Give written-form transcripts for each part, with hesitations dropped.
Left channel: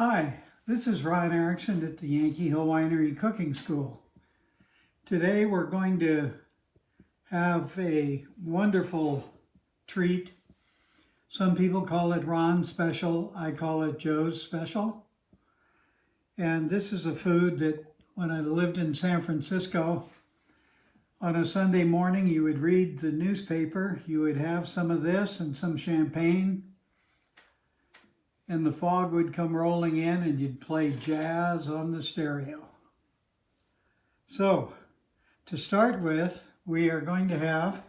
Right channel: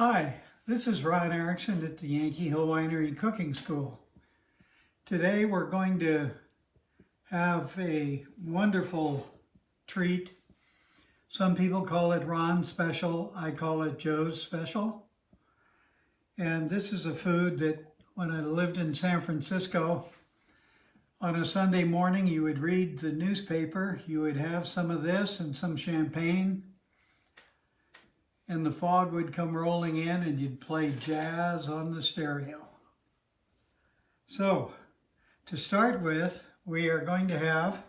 Hi, this is Ron Erickson at the Yankee Hill Winery Cooking School. Today we're going to have a wonderful treat. Some people call it Ron's Special. I call it Joe's Special. And this is a food that when I lived in San Francisco, on a Sunday morning you would read the newspaper, you would have some of this and some champagne, and the fog would come rolling in and you'd play jazz on the stereo. So, to start with, we are going to have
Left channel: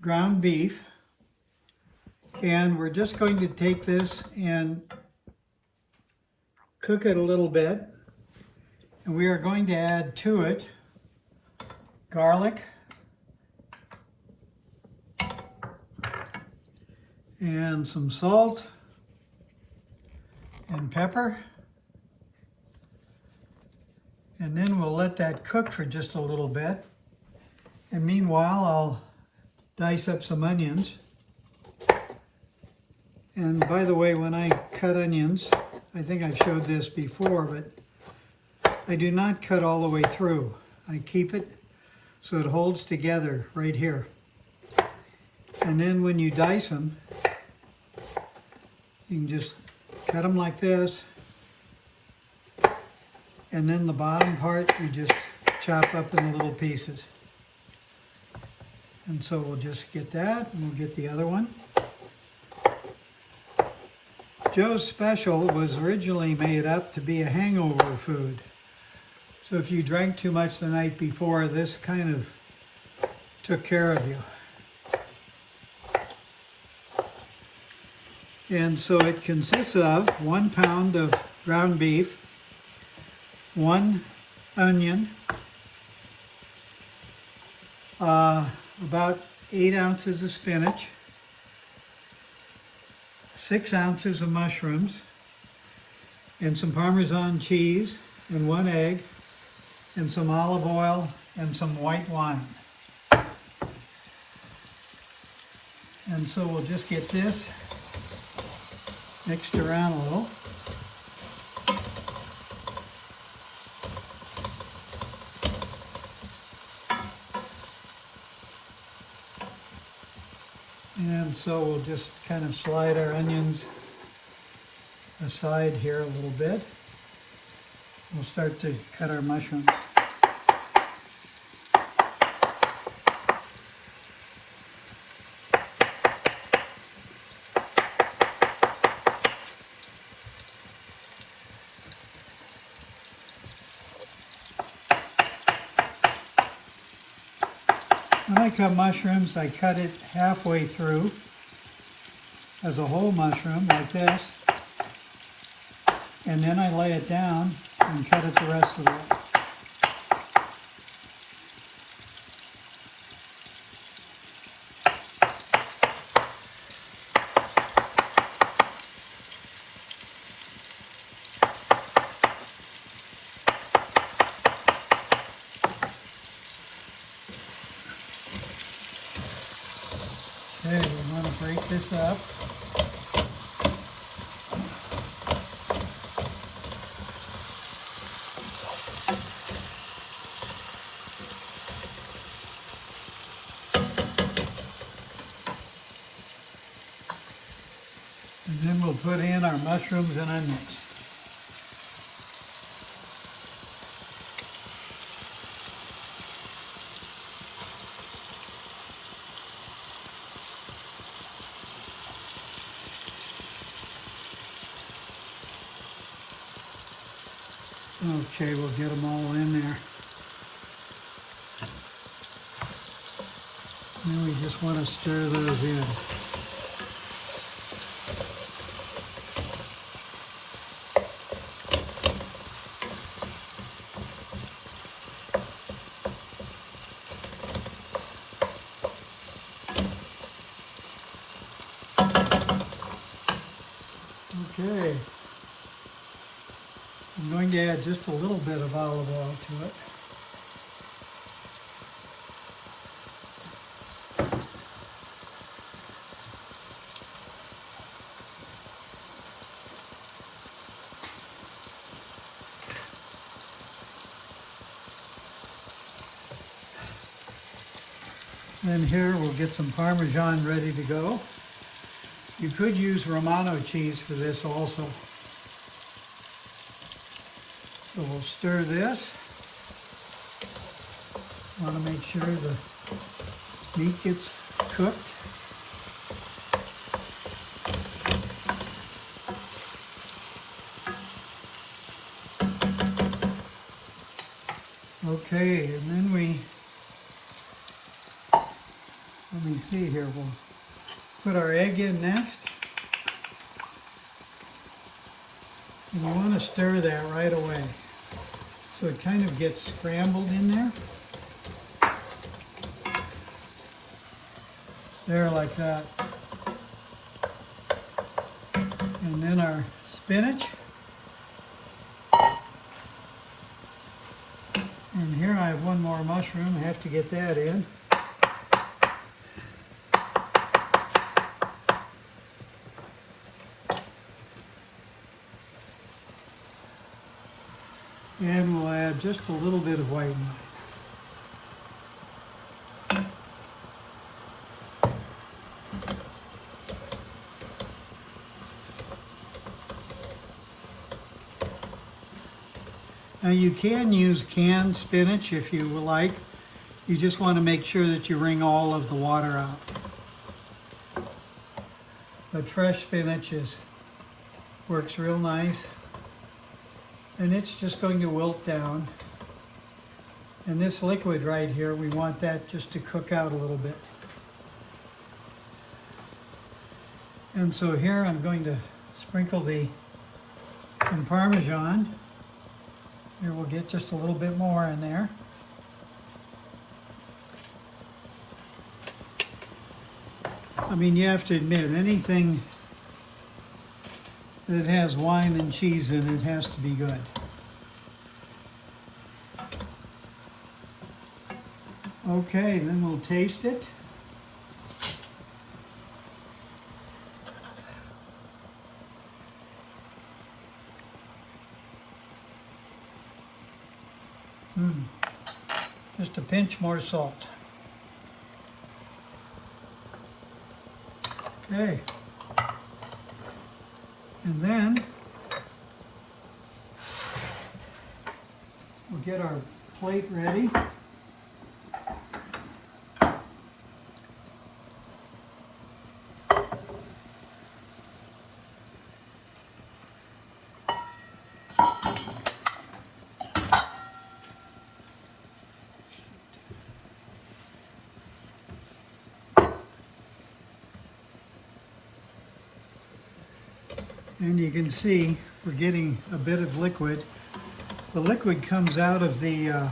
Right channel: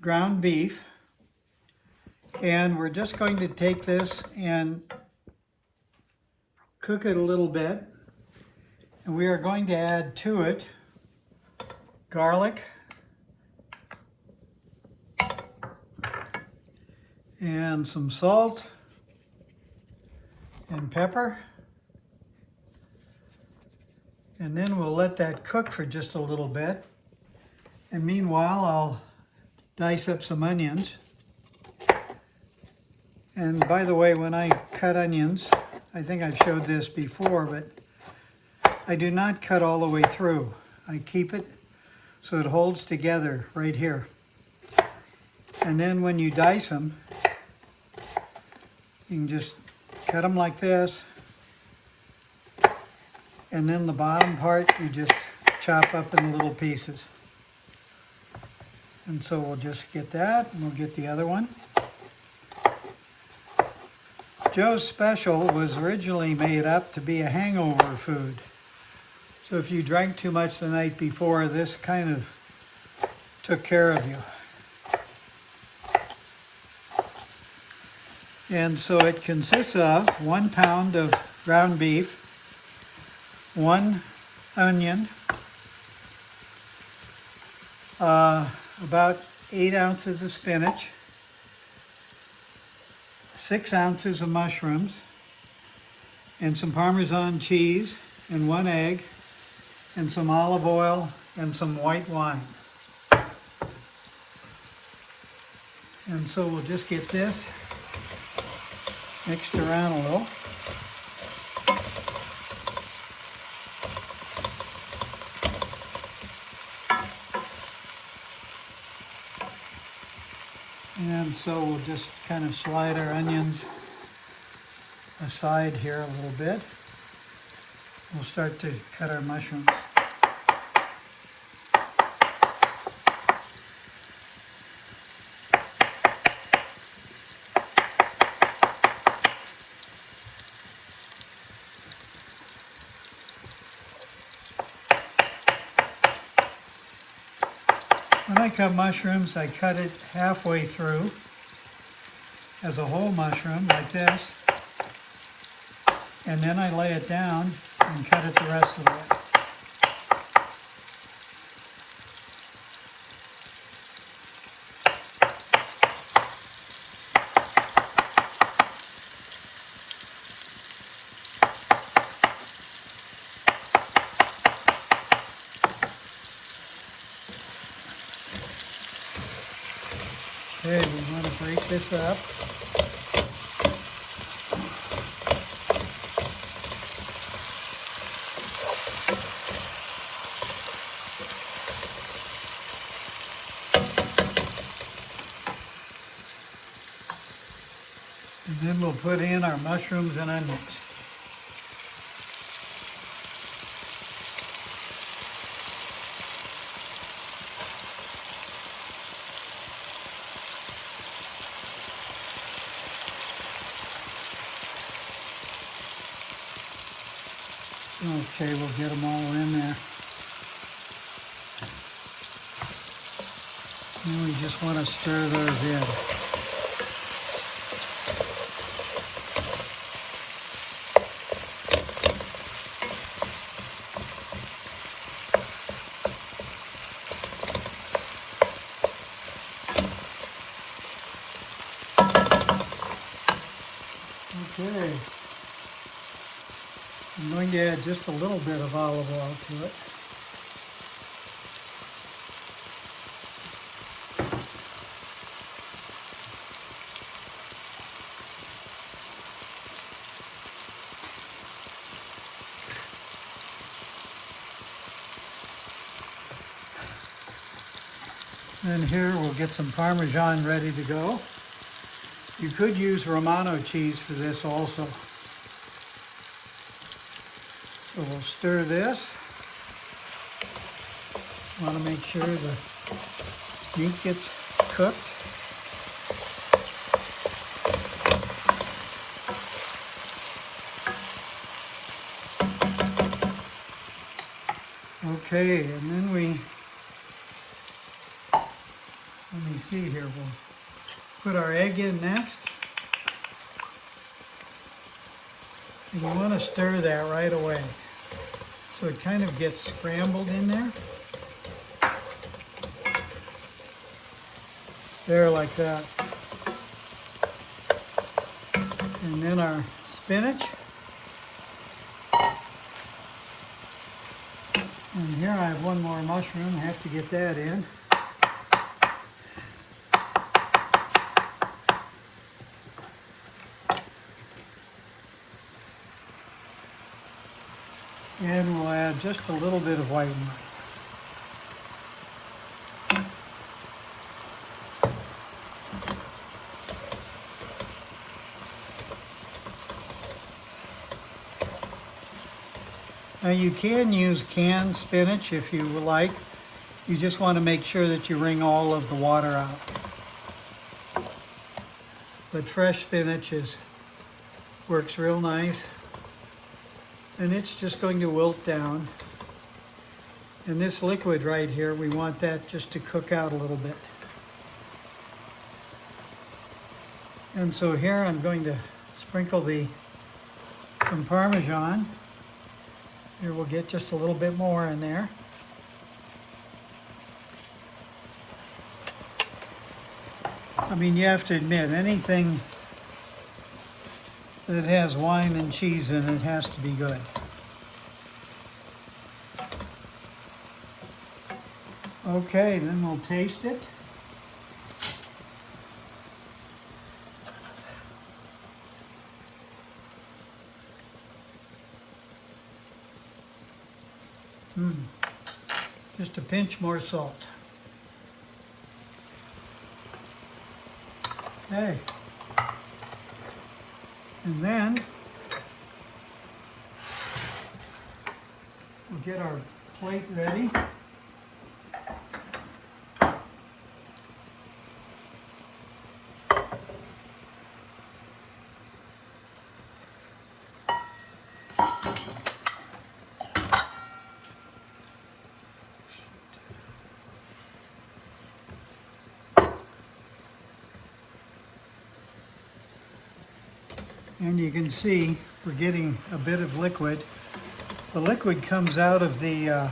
ground beef, and we're just going to take this and cook it a little bit, and we are going to add to it garlic and some salt and pepper, and then we'll let that cook for just a little bit. And meanwhile, I'll dice up some onions. And by the way, when I cut onions, I think I've showed this before, but I do not cut all the way through. I keep it so it holds together right here. And then when you dice them, you can just cut them like this, and then the bottom part you just chop up in little pieces. And so we'll just get that, and we'll get the other one. Joe's Special was originally made up to be a hangover food. So if you drank too much the night before, this kind of took care of you. And so it consists of 1 pound of ground beef, 1 onion, about 8 ounces of spinach, 6 ounces of mushrooms, and some Parmesan cheese, and 1 egg, and some olive oil, and some white wine. And so we'll just get this mixed around a little. And so we'll just kind of slide our onions aside here a little bit. We'll start to add our mushrooms. When I cut mushrooms, I cut it halfway through as a whole mushroom like this, and then I lay it down and cut it the rest of the way. Okay, we're going to break this up. And then we'll put in our mushrooms and onions. Okay, we'll get them all in there. And we just want to stir those in. Okay. I'm going to add just a little bit of olive oil to it. Then here we'll get some Parmesan ready to go. You could use Romano cheese for this also. So we'll stir this. Want to make sure the meat gets cooked. Okay, and then let me see here, we'll put our egg in next. And you want to stir that right away, so it kind of gets scrambled in there. There, like that. And then our spinach. And here I have one more mushroom, I have to get that in. And we'll add just a little bit of white meat. Now you can use canned spinach if you like. You just want to make sure that you wring all of the water out. But fresh spinach works real nice. And it's just going to wilt down. And this liquid right here, we want that just to cook out a little bit. And so here I'm going to sprinkle some Parmesan. And we'll get just a little bit more in there. I mean, you have to admit, anything that has wine and cheese in it has to be good. Okay, then we'll taste it. Just a pinch more salt. Okay. And then we'll get our plate ready. And you can see we're getting a bit of liquid. The liquid comes out of the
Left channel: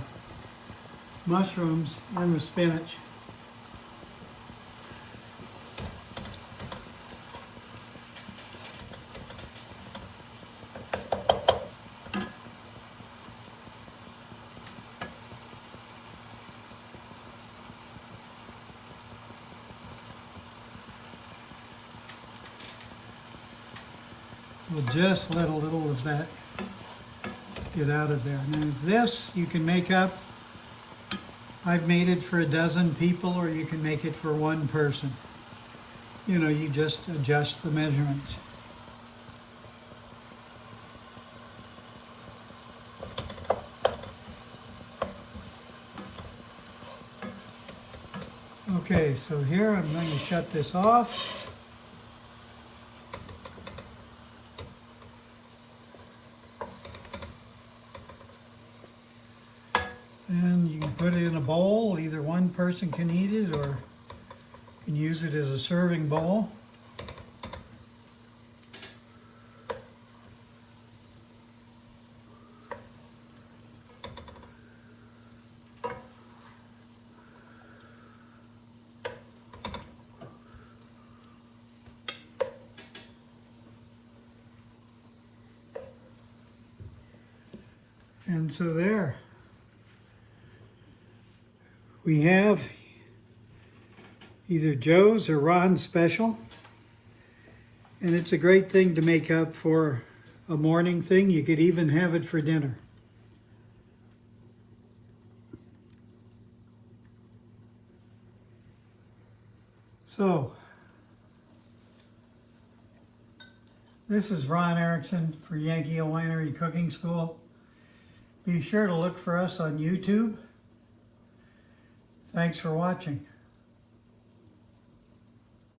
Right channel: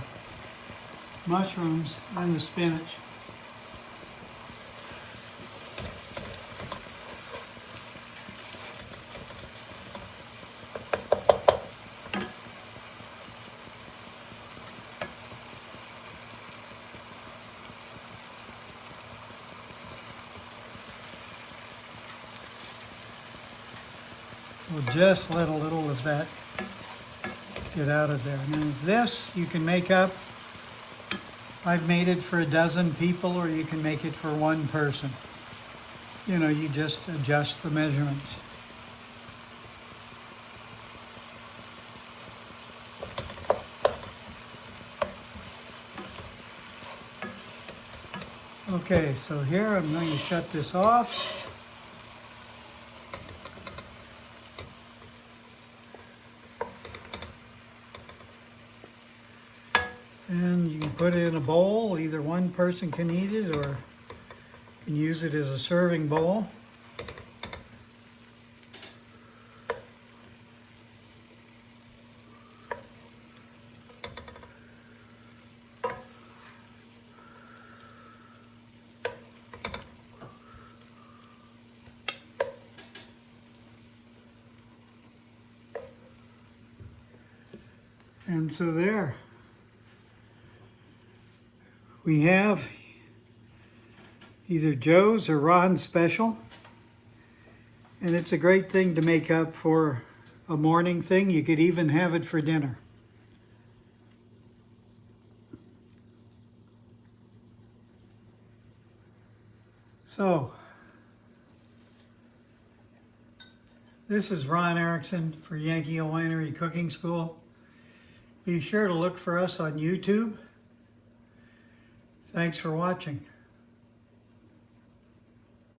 mushrooms and the spinach. We'll just let a little of that get out of there. And this you can make up. I've made it for 12 people, or you can make it for one person. You know, you just adjust the measurements. Okay, so here I'm going to shut this off. And you can put it in a bowl. Either one person can eat it, or you can use it as a serving bowl. And so there. We have either Joe's or Ron's special, and it's a great thing to make up for a morning thing. You could even have it for dinner. So, this is Ron Erickson for Yankee Hill Winery Cooking School. Be sure to look for us on YouTube. Thanks for watching.